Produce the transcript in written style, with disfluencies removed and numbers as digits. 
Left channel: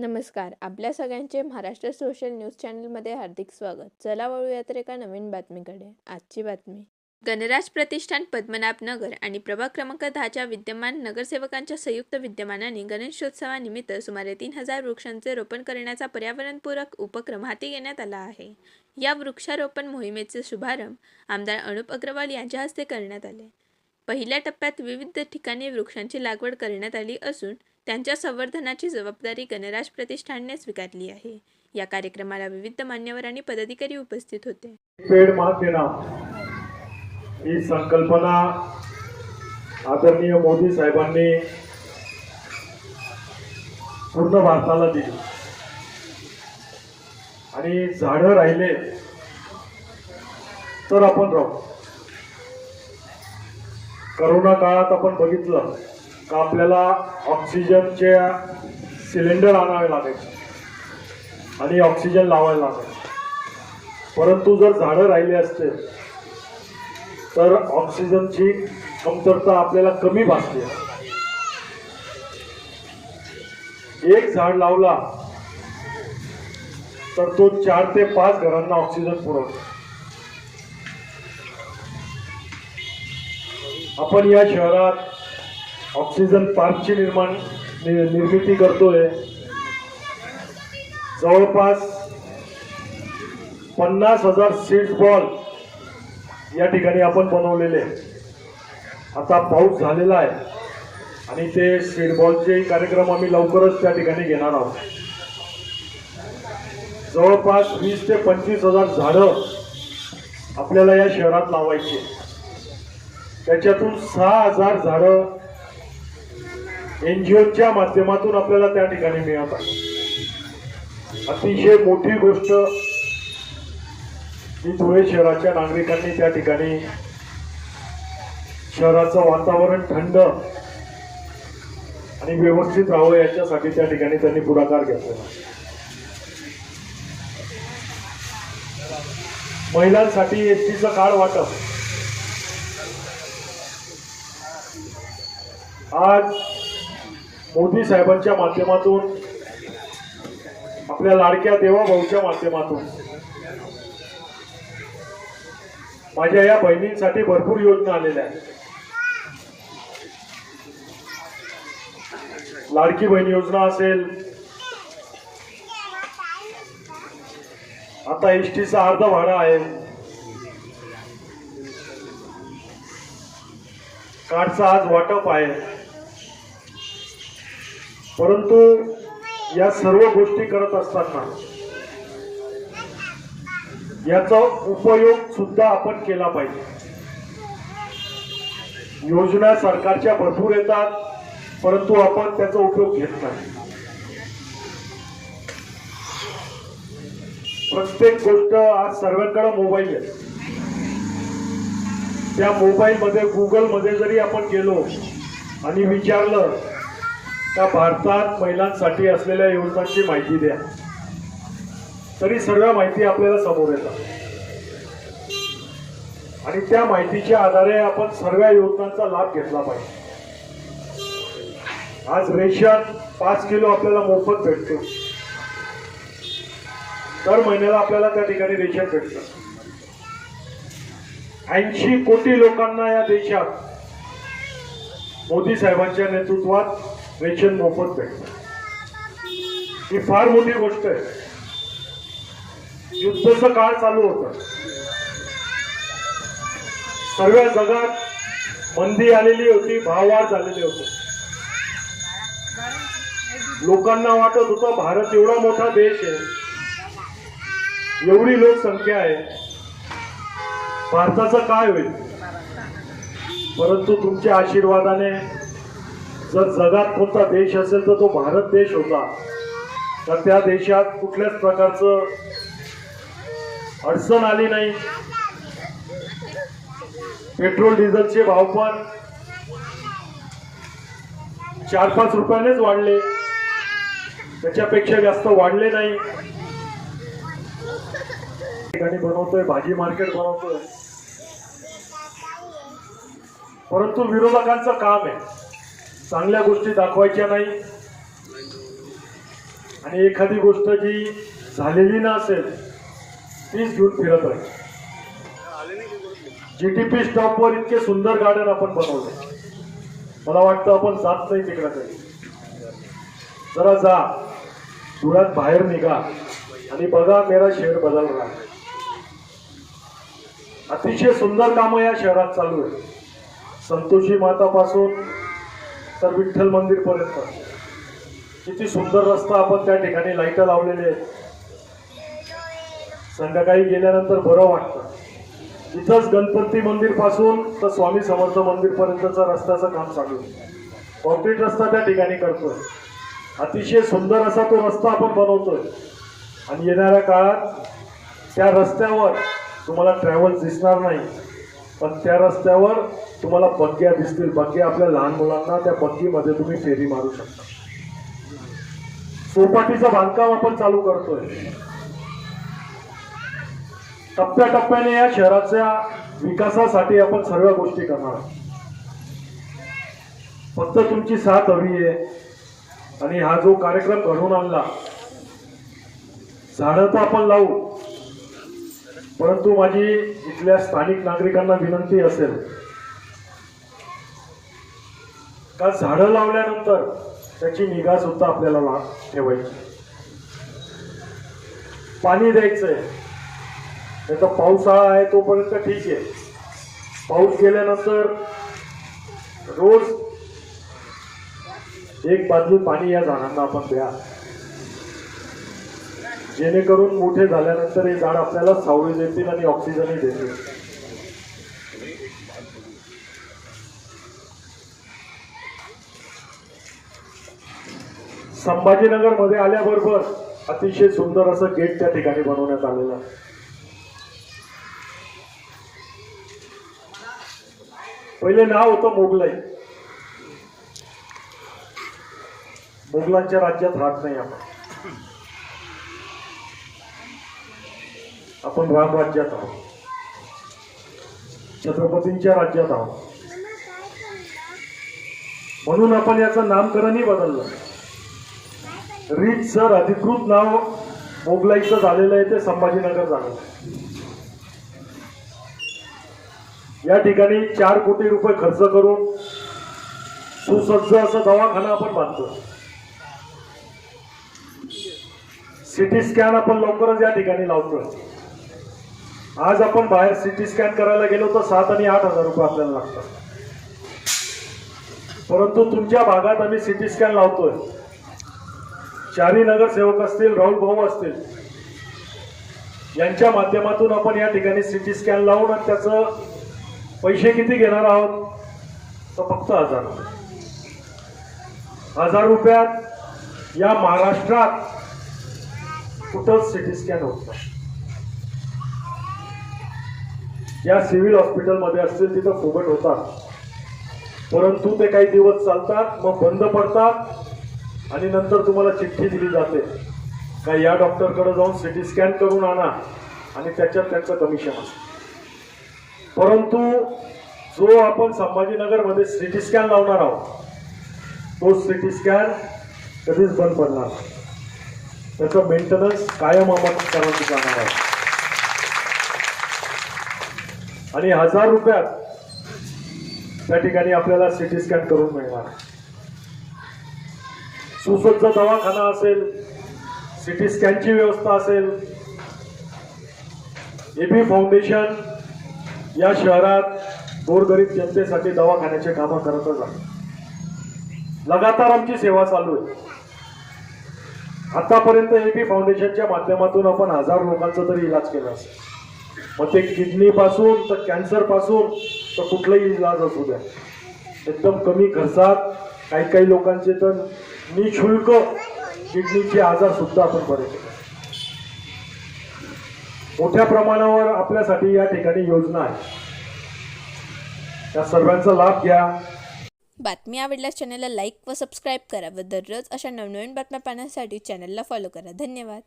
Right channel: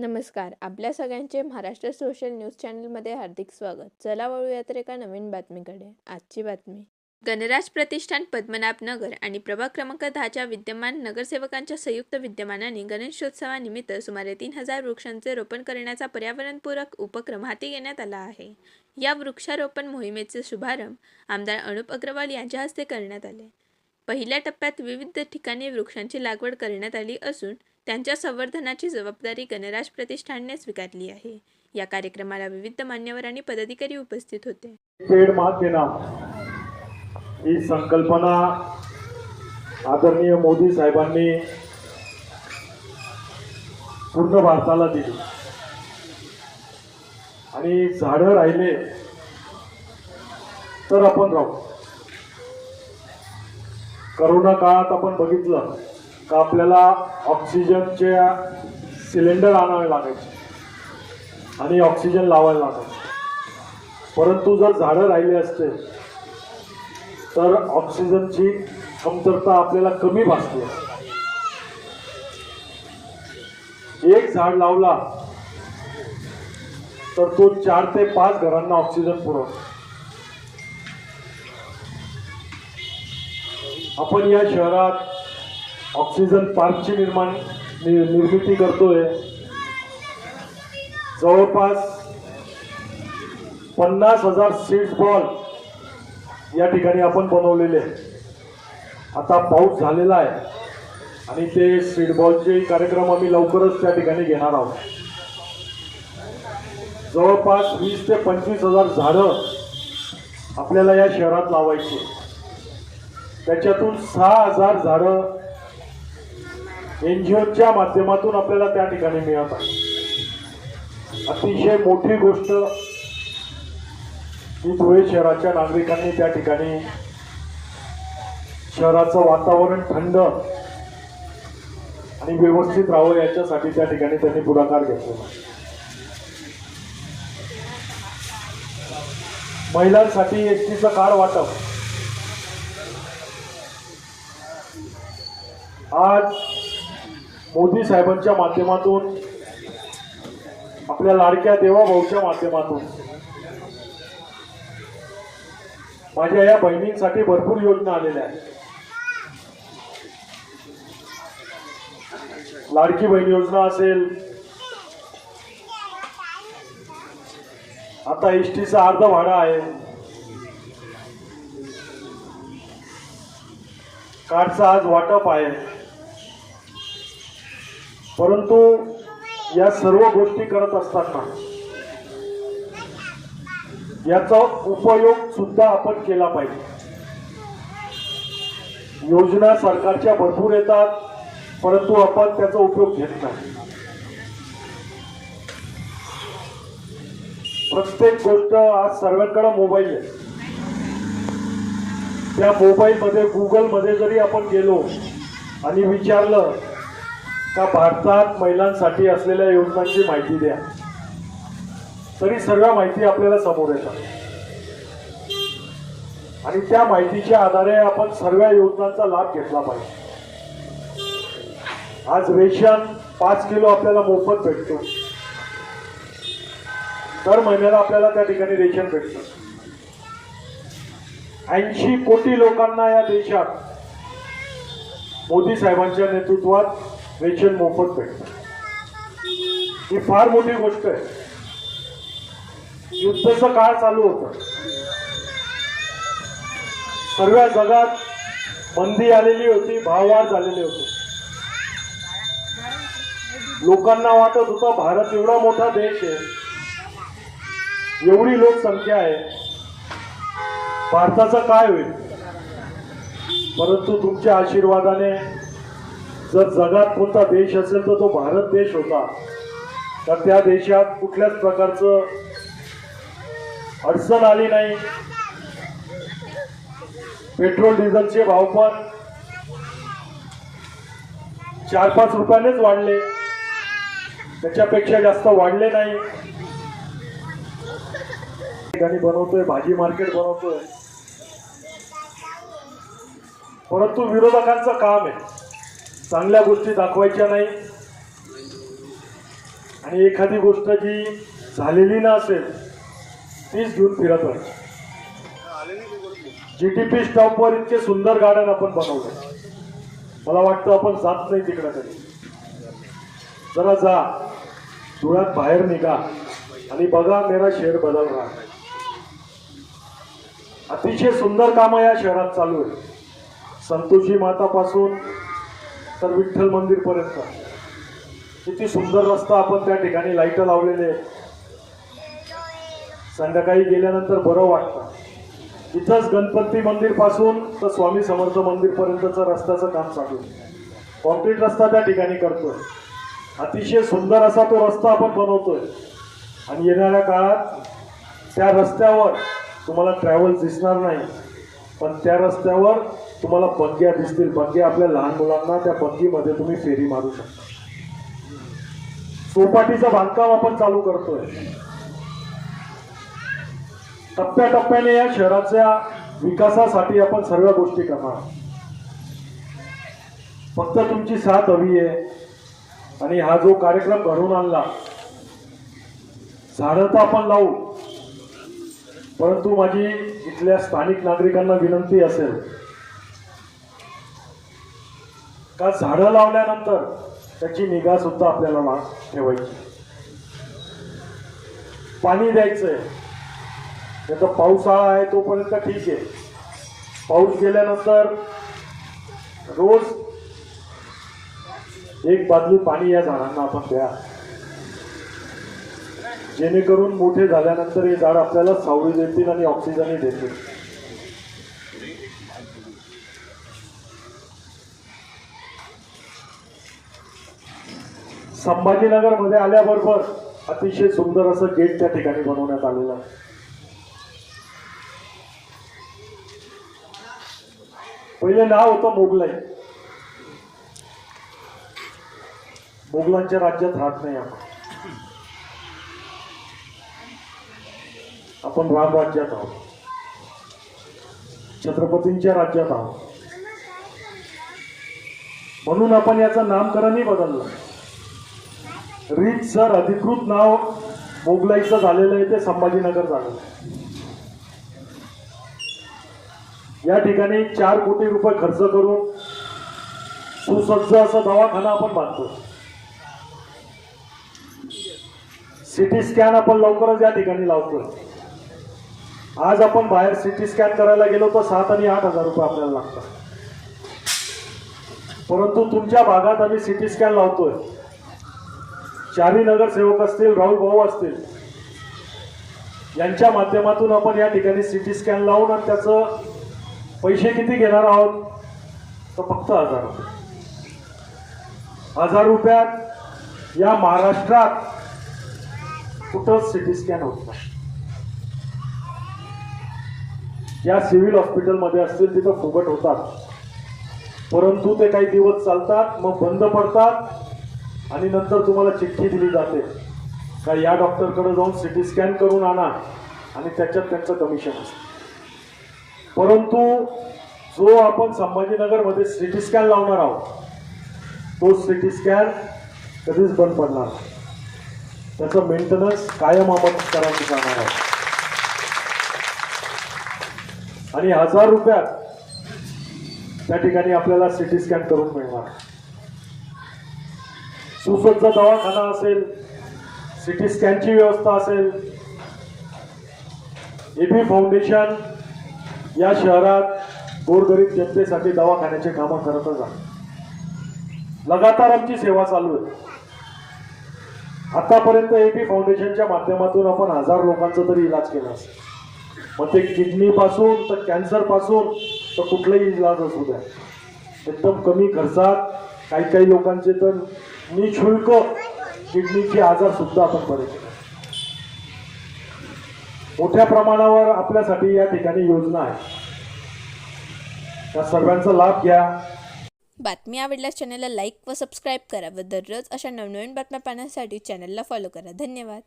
नमस्कार. आपल्या सगळ्यांचे महाराष्ट्र सोशल न्यूज चॅनलमध्ये हार्दिक स्वागत. चला वळूया तर एका नवीन बातमीकडे. आजची बातमी. गणराज प्रतिष्ठान पद्मनाभ नगर आणि प्रभाग क्रमांक 10च्या विद्यमान नगरसेवकांच्या संयुक्त विद्यमानाने गणेशोत्सवानिमित्त सुमारे 3000 वृक्षांचे रोपण करण्याचा पर्यावरणपूरक उपक्रम हाती घेण्यात आला आहे. या वृक्षारोपण मोहिमेचे शुभारंभ आमदार अनुप अग्रवाल यांच्या हस्ते करण्यात आले. पहिल्या टप्प्यात विविध ठिकाणी वृक्षांची लागवड करण्यात आली असून त्यांच्या संवर्धनाची जबाबदारी गणराज प्रतिष्ठानने स्वीकारली आहे. या कार्यक्रमाला विविध मान्यवर आणि पदाधिकारी उपस्थित होते. पेड़ माँ के नाम ही संकल्पना आदरणीय मोदी साहेबांनी पूर्ण भारताला दिली आणि झाडं राहिले तर आपण राहू. करोना काळात आपण बघितलं का आपल्याला ऑक्सिजनचे सिलेंडर आणावे लागायचे आणि ऑक्सिजन लावायला लागायचे. परंतु जर झाडं राहिले असते तर ऑक्सिजनची कमतरता आपल्याला कमी भासते. एक झाड लावला तर तो 4 ते 5 घरांना ऑक्सिजन पुरवतो. आपण या शहरात ऑक्सिजन पार्कची निर्मिती करतोय. जवळपास 50,000 सीड्स बॉल या ठिकाणी आपण बनवलेले. आता पाऊस झालेला आहे आणि ते सीड बॉलचे कार्यक्रम आम्ही लवकरच त्या ठिकाणी घेणार आहोत. जवळपास 20,000 ते 25,000 झाडं आपल्याला या शहरात लावायची. त्याच्यातून 6,000 झाडं NGOच्या माध्यमातून आपल्याला त्या ठिकाणी मिळत आहे. अतिशय मोठी गोष्ट ही धुळे शहराच्या नागरिकांनी त्या ठिकाणी शहराचं वातावरण थंड आणि व्यवस्थित राहावं याच्यासाठी त्या ठिकाणी त्यांनी पुढाकार घेतला. महिलांसाठी एसटीचं कार्ड वाटप आज मोदी साहेबांच्या माध्यमातून आपल्या लाडक्या देवाभाऊच्या माध्यमातून माझ्या या बहिणींसाठी भरपूर योजना आलेल्या आहेत. लाडकी बहीण योजना असेल, आता एसटीचं अर्ध भाडं आहे, कार्डचं आज वाटप आहे. परंतु या सर्व गोष्टी करत असताना याचा उपयोग सुद्धा आपण केला पाहिजे. योजना सरकारच्या भरपूर येतात परंतु आपण त्याचा उपयोग घेत नाही. प्रत्येक गोष्ट आज सर्वांकडे मोबाईल आहे. त्या मोबाईलमध्ये गुगलमध्ये जरी आपण गेलो आणि विचारलं का भारतात महिलांसाठी असलेल्या योजनांची माहिती द्या तरी सर्व माहिती आपल्याला समोर येतात आणि त्या माहितीच्या आधारे आपण सर्व योजनांचा लाभ घेतला पाहिजे. आज रेशन 5 किलो आपल्याला मोफत भेटतो. दर महिन्याला आपल्याला त्या ठिकाणी रेशन भेटतं. 80 कोटी लोकांना या देशात मोदी साहेबांच्या नेतृत्वात रेशन मोफत भेटतं. ही फार मोठी गोष्ट आहे. युद्धाचा काळ चालू होता. सर्व जगात मंदी आलेली होती, भाववाढ झालेली होती. लोकांना वाटत होतं भारत एवढा मोठा देश आहे, एवढी लोकसंख्या आहे, भारताचा काय होईल. परंतु तुमच्या आशीर्वादाने जर जगात कोणता देश असेल तर तो भारत देश होता. तर त्या देशात कुठल्याच प्रकारचं अडचण आली नाही. पेट्रोल डिझेलचे भाव पण 4-5 रुपयानेच वाढले, त्याच्यापेक्षा जास्त वाढले नाही. ठिकाणी बनवतोय, भाजी मार्केट बनवतोय. परंतु विरोधकांचं काम आहे चांगल्या गोष्टी दाखवायच्या नाही आणि एखादी गोष्ट जी झालेली नसेल तीच घेऊन फिरत आहे. GTP स्टॉपवर इतके सुंदर गार्डन आपण बनवले. मला वाटतं आपण जात नाही तिकडं काही. जरा जा, धुळ्यात बाहेर निघा आणि बघा मेरा शहर बदल रहा है. अतिशय सुंदर कामं या शहरात चालू आहे. संतोषी मातापासून तर विठ्ठल मंदिर पर्यंत किती सुंदर रस्ता आपण त्या ठिकाणी लाईट लावलेले आहेत. संध्याकाळी गेल्यानंतर बरं वाटतं. इथंच गणपती मंदिर पासून तर स्वामी समर्थ मंदिर पर्यंतचा रस्त्याचं काम चालू आहे. कॉन्क्रीट रस्ता त्या ठिकाणी करतोय. अतिशय सुंदर असा तो रस्ता आपण बनवतोय आणि येणाऱ्या काळात त्या रस्त्यावर तुम्हाला ट्रॅव्हल्स दिसणार नाही, पण त्या रस्त्यावर तुम्हाला बग्ग्या दिसतील. बग्ग्या आपल्या लहान मुलांना त्या बग्गीमध्ये तुम्ही फेरी मारू शकता. चौपाटीचं बांधकाम आपण चालू करतोय. टप्प्याटप्प्याने या शहराच्या विकासासाठी आपण सर्व गोष्टी करणार. फक्त तुमची साथ हवी आहे. आणि हा जो कार्यक्रम घडून आणला, झाडं तर आपण लावू, परंतु माझी इथल्या स्थानिक नागरिकांना विनंती असेल का झाडं लावल्यानंतर त्याची निगा सुद्धा आपल्याला ठेवायची. पाणी द्यायचंय. त्याचा पावसाळा आहे तोपर्यंत ठीक आहे. पाऊस गेल्यानंतर रोज एक बादली पाणी या झाडांना आपण द्या, जेणेकरून मोठे झाल्यानंतर हे झाड आपल्याला सावली देतील आणि ऑक्सिजनही देतील. संभाजीनगर मध्ये आल्याबरोबर अतिशय सुंदर असं गेट त्या ठिकाणी बनवण्यात आलेलं आहे. पहिले नाव होतं मोगलाई. मोगलांच्या राज्यात राहत नाही आपण राम राज्यात आहोत. छत्रपतींच्या राज्यात आहोत. म्हणून आपण याचं नामकरणही बदललं. रीतसर अधिकृत नाव मोगलाईचं झालेलं आहे ते संभाजीनगर झालेलं आहे. या ठिकाणी 4 कोटी रुपये खर्च करून सुसज्ज असं दवाखाना आपण बांधतो. सिटी स्कॅन आपण लवकरच या ठिकाणी लावतोय. आज आपण बाहेर सिटी स्कॅन करायला गेलो तर 7 आणि 8 हजार रुपये आपल्याला लागतात. परंतु तुमच्या भागात आम्ही सिटी स्कॅन लावतोय. 4 नगरसेवक असतील, राहुल भाऊ असतील, यांच्या माध्यमातून आपण या ठिकाणी सिटी स्कॅन लावून आणि त्याचं पैसे किती घेणार आहोत तर फक्त 1000 रुपये. 1000 रुपयात या महाराष्ट्रात कुठंच सिटी स्कॅन होत नाही. या सिव्हिल हॉस्पिटलमध्ये असतील तिथं फुकट होतात, परंतु ते काही दिवस चालतात, मग बंद पडतात आणि नंतर तुम्हाला चिठ्ठी दिली जाते का या डॉक्टरकडे जाऊन सिटी स्कॅन करून आणा आणि त्याच्यात त्यांचं कमिशन असतं. परंतु जो आपण संभाजीनगरमध्ये सिटी स्कॅन लावणार आहोत तो सिटी स्कॅन कधीच बंद पडणार नाही. त्याचं मेंटेनन्स कायम आपण करावं जाणार आहे. आणि 1000 रुपयात त्या ठिकाणी आपल्याला सिटी स्कॅन करून मिळणार. सुसज्ज दवाखाना असेल, सिटी स्कॅनची व्यवस्था असेल. एबी फाउंडेशन या शहरात गोरगरीब जनतेसाठी दवाखान्याचे कामं करतच आहे. लगातार आमची सेवा चालू आहे. आतापर्यंत एबी फाउंडेशनच्या माध्यमातून आपण 1000 लोकांचा तरी इलाज केला असेल. मग ते किडनी पासून तर कॅन्सर पासून तर कुठलाही इलाज असू द्या, एकदम कमी खर्चात. काही लोकांचे तर निशुल्क किडनीचे आजार सुद्धा आपण बरे केले. मोठ्या प्रमाणावर आपल्यासाठी या ठिकाणी योजना आहे. त्या सर्वांचा लाभ घ्या. बातमी आवडल्यास चॅनलला लाईक व सबस्क्राईब करा व दररोज अशा नवनवीन बातम्या पाहण्यासाठी चॅनलला फॉलो करा. धन्यवाद.